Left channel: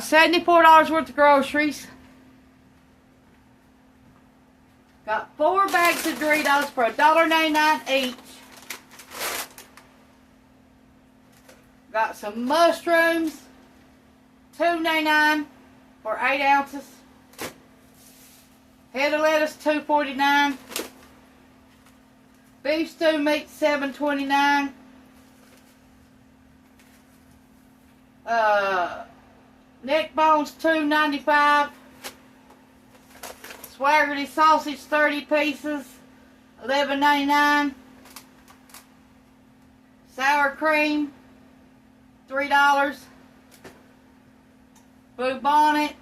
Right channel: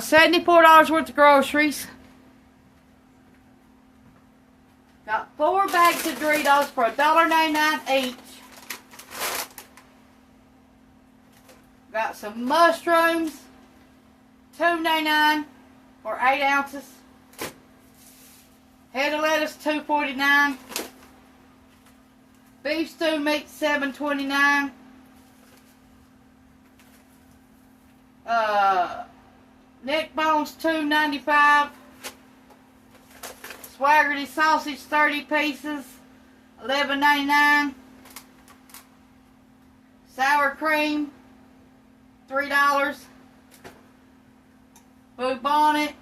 $74 worth of groceries. Got 4 bags of Doritos for $1.99 each. Got some mushrooms, $2.99 for 8 ounces. Head of lettuce, $2.49. Beef stew meat, $7.29. Neck bones, $2.95. Swaggerty sausage, 30 pieces, $11.99. Sour cream, $3. Blue bonnet,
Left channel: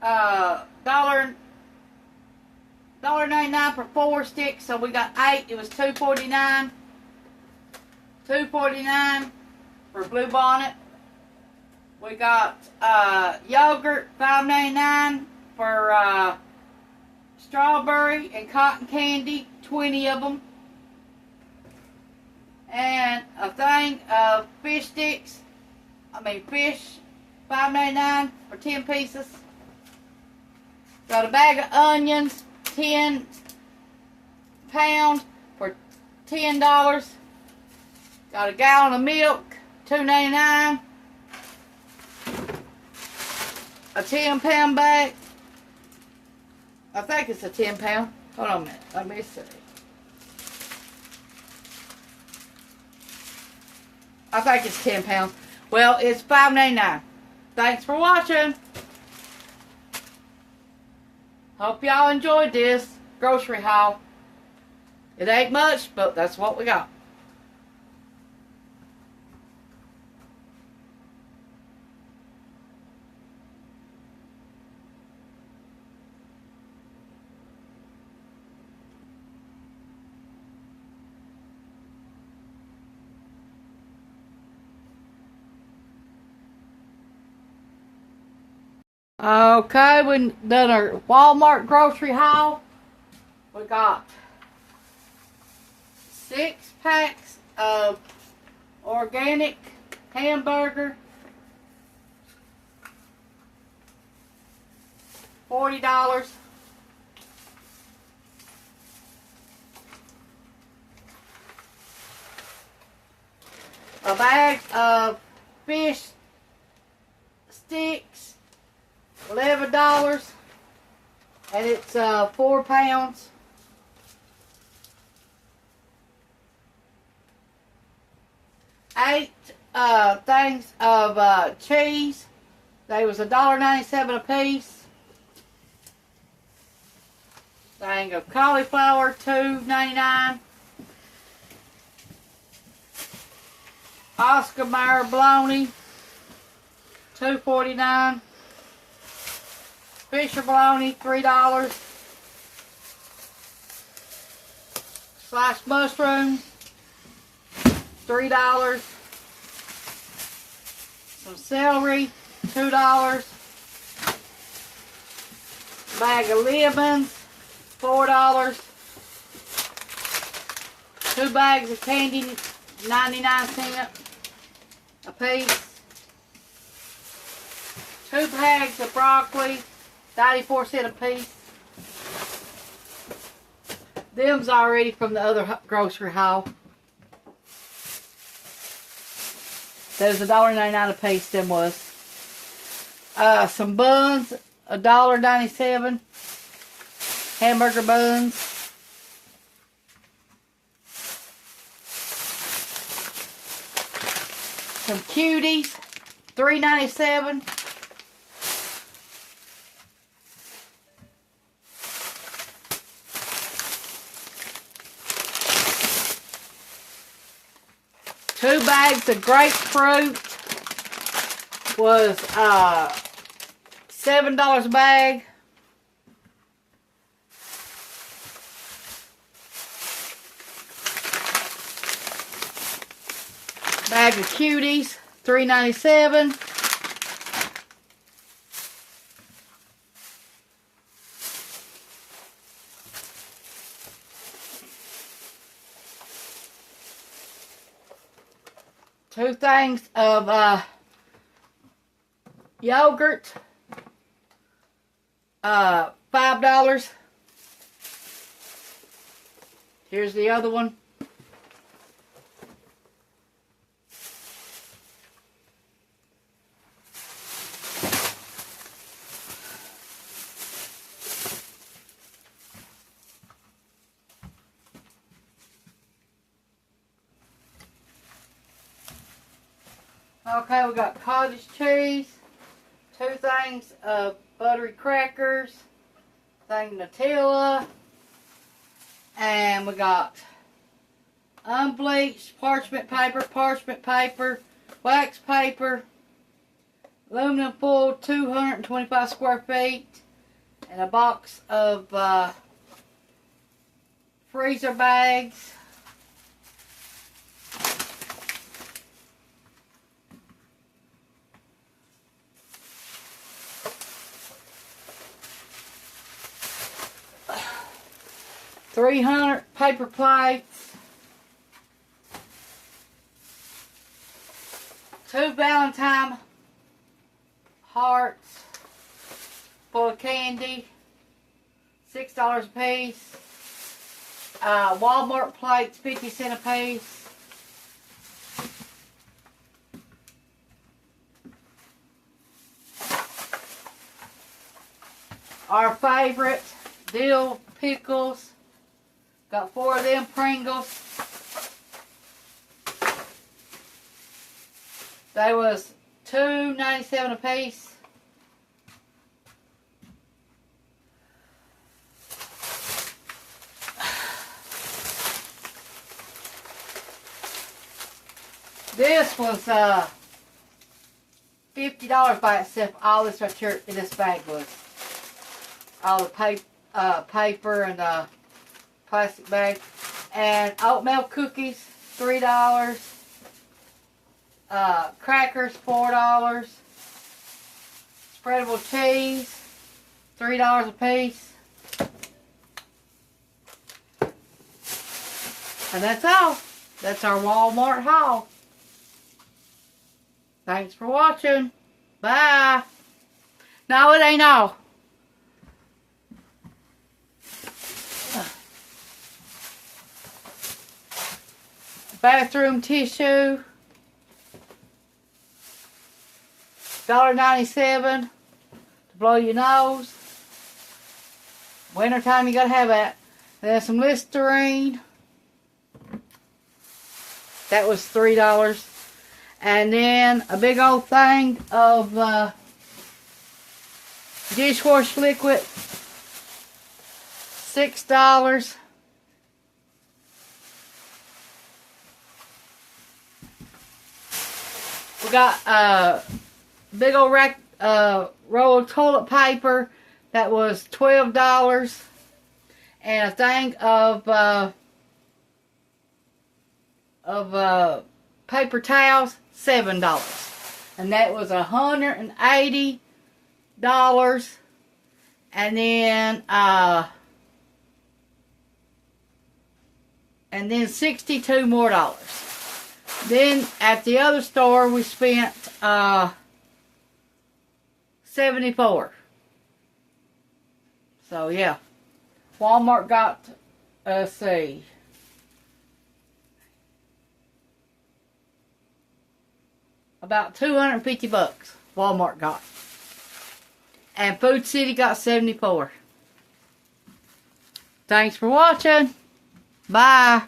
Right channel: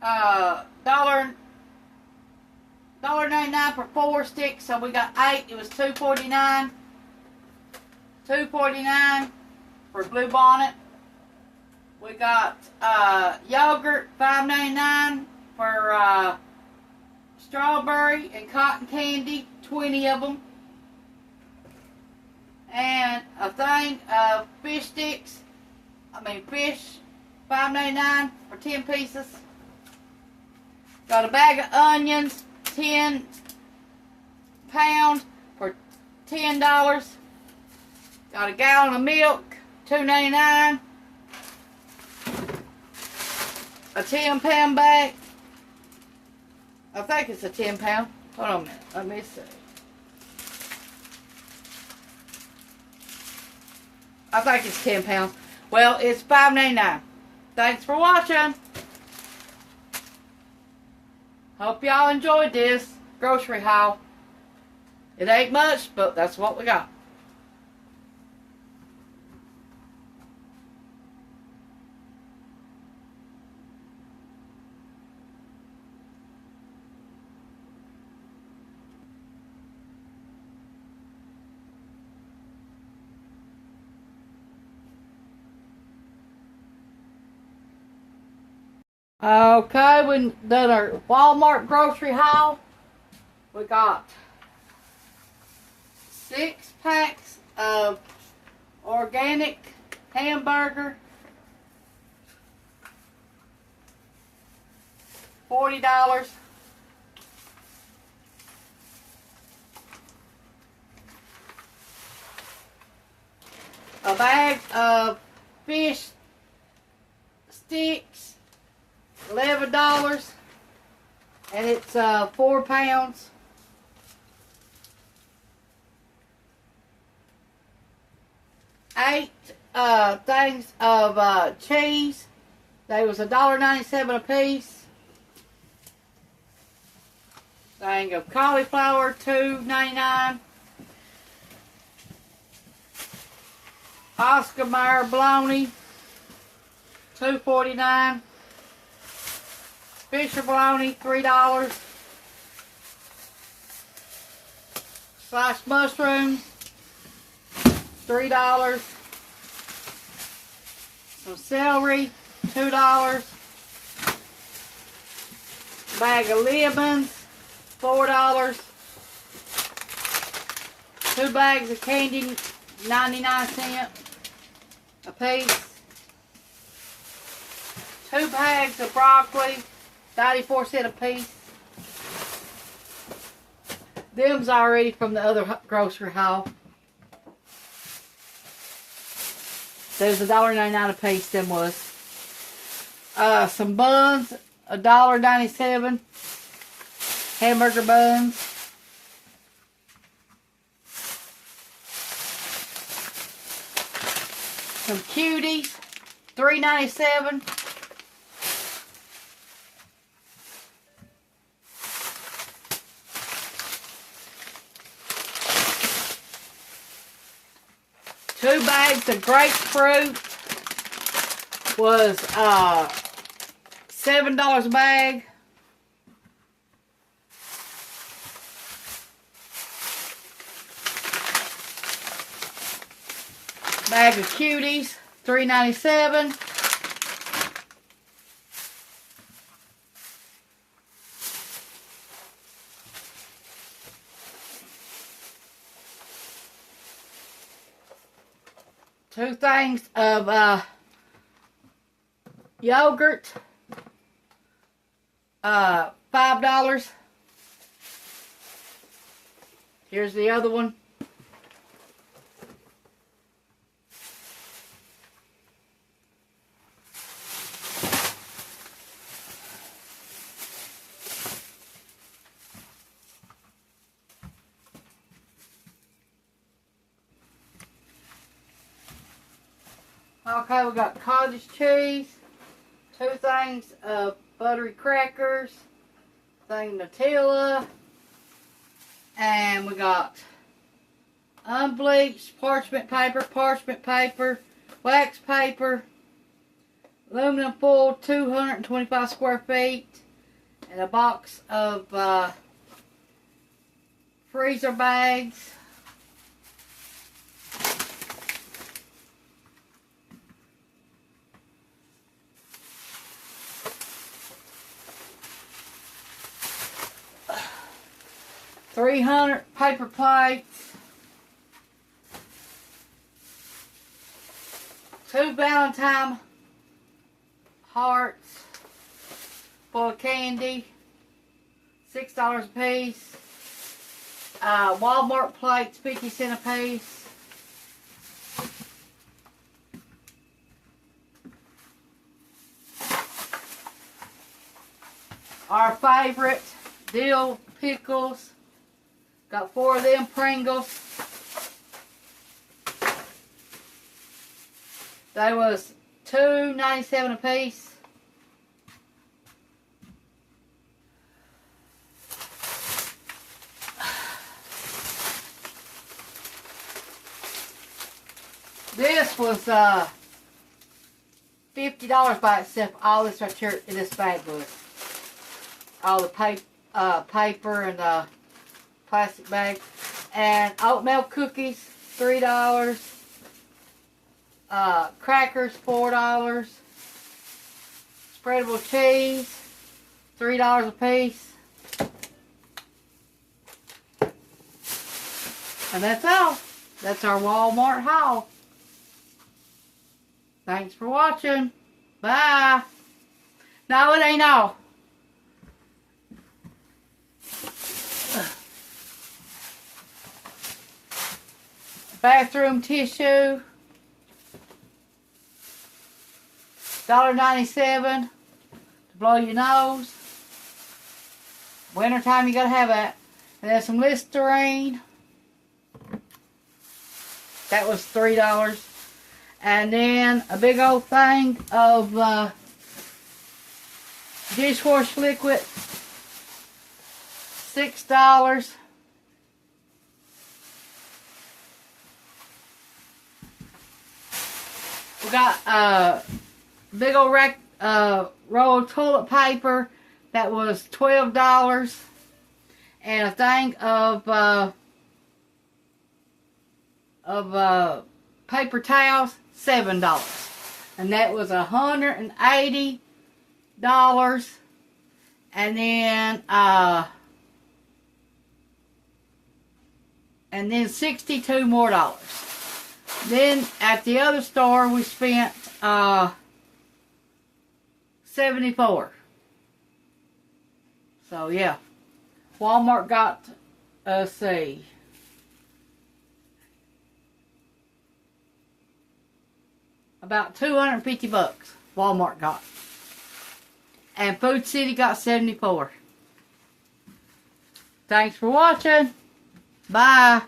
$1.99 for 4 sticks. So we got 8. It was $2.49. $2.49 for blue bonnet. We got yogurt, $5.99 for strawberry and cotton candy, 20 of them. And a thing of fish sticks, fish, $5.99 for 10 pieces. Got a bag of onions, 10 pounds for $10. Got a gallon of milk, $2.99. A 10-pound bag. I think it's a 10-pound. Hold on a minute. Let me see. I think it's 10 pounds. Well, it's $5.99. Thanks for watching. Hope y'all enjoyed this grocery haul. It ain't much, but that's what we got. Okay, we done our Walmart grocery haul. We got 6 packs of organic hamburger, $40. A bag of fish sticks, $11, and it's 4 pounds. Eight things of cheese. They was $1.97 a piece. Thing of cauliflower, $2.99. Oscar Mayer bologna, $2.49. Fisher bologna, $3. Sliced mushrooms, $3. Some celery, $2. Bag of lemons, $4. 2 bags of candy, 99¢ a piece. 2 bags of broccoli, 94¢ a piece. Them's already from the other grocery haul. There's $1.99 a piece, them was. Some buns, $1.97. Hamburger buns. Some cuties, $3.97. Two bags of grapefruit was $7 a bag. Bag of cuties, $3.97. Two things of yogurt, $5. Here's the other one. Okay, we got cottage cheese, 2 things of buttery crackers, thing Nutella, and we got unbleached parchment paper, wax paper, aluminum foil 225 square feet, and a box of freezer bags. $300 paper plates, 2 Valentine hearts full of candy, $6 a piece. Walmart plates, 50 cents a piece. Our favorite dill pickles. Got 4 of them Pringles. They was $2.97 a piece. This was $50 by itself. All this right here in this bag was. All the paper and plastic bag. And oatmeal cookies, $3. Crackers, $4. Spreadable cheese, $3 a piece. And that's all. That's our Walmart haul. Thanks for watching. Bye. No, it ain't all. Bathroom tissue, $1.97 to blow your nose. Wintertime, you gotta have that. And then some Listerine. That was $3. And then a big old thing of dishwash liquid, $6. We got a big old rack, roll of toilet paper that was $12, and a thing of paper towels, $7, and that was $180, and then $62 more. Then at the other store we spent $74. So yeah, Walmart got, let's see, about $250. Walmart got, and Food City got 74. Thanks for watching. Bye.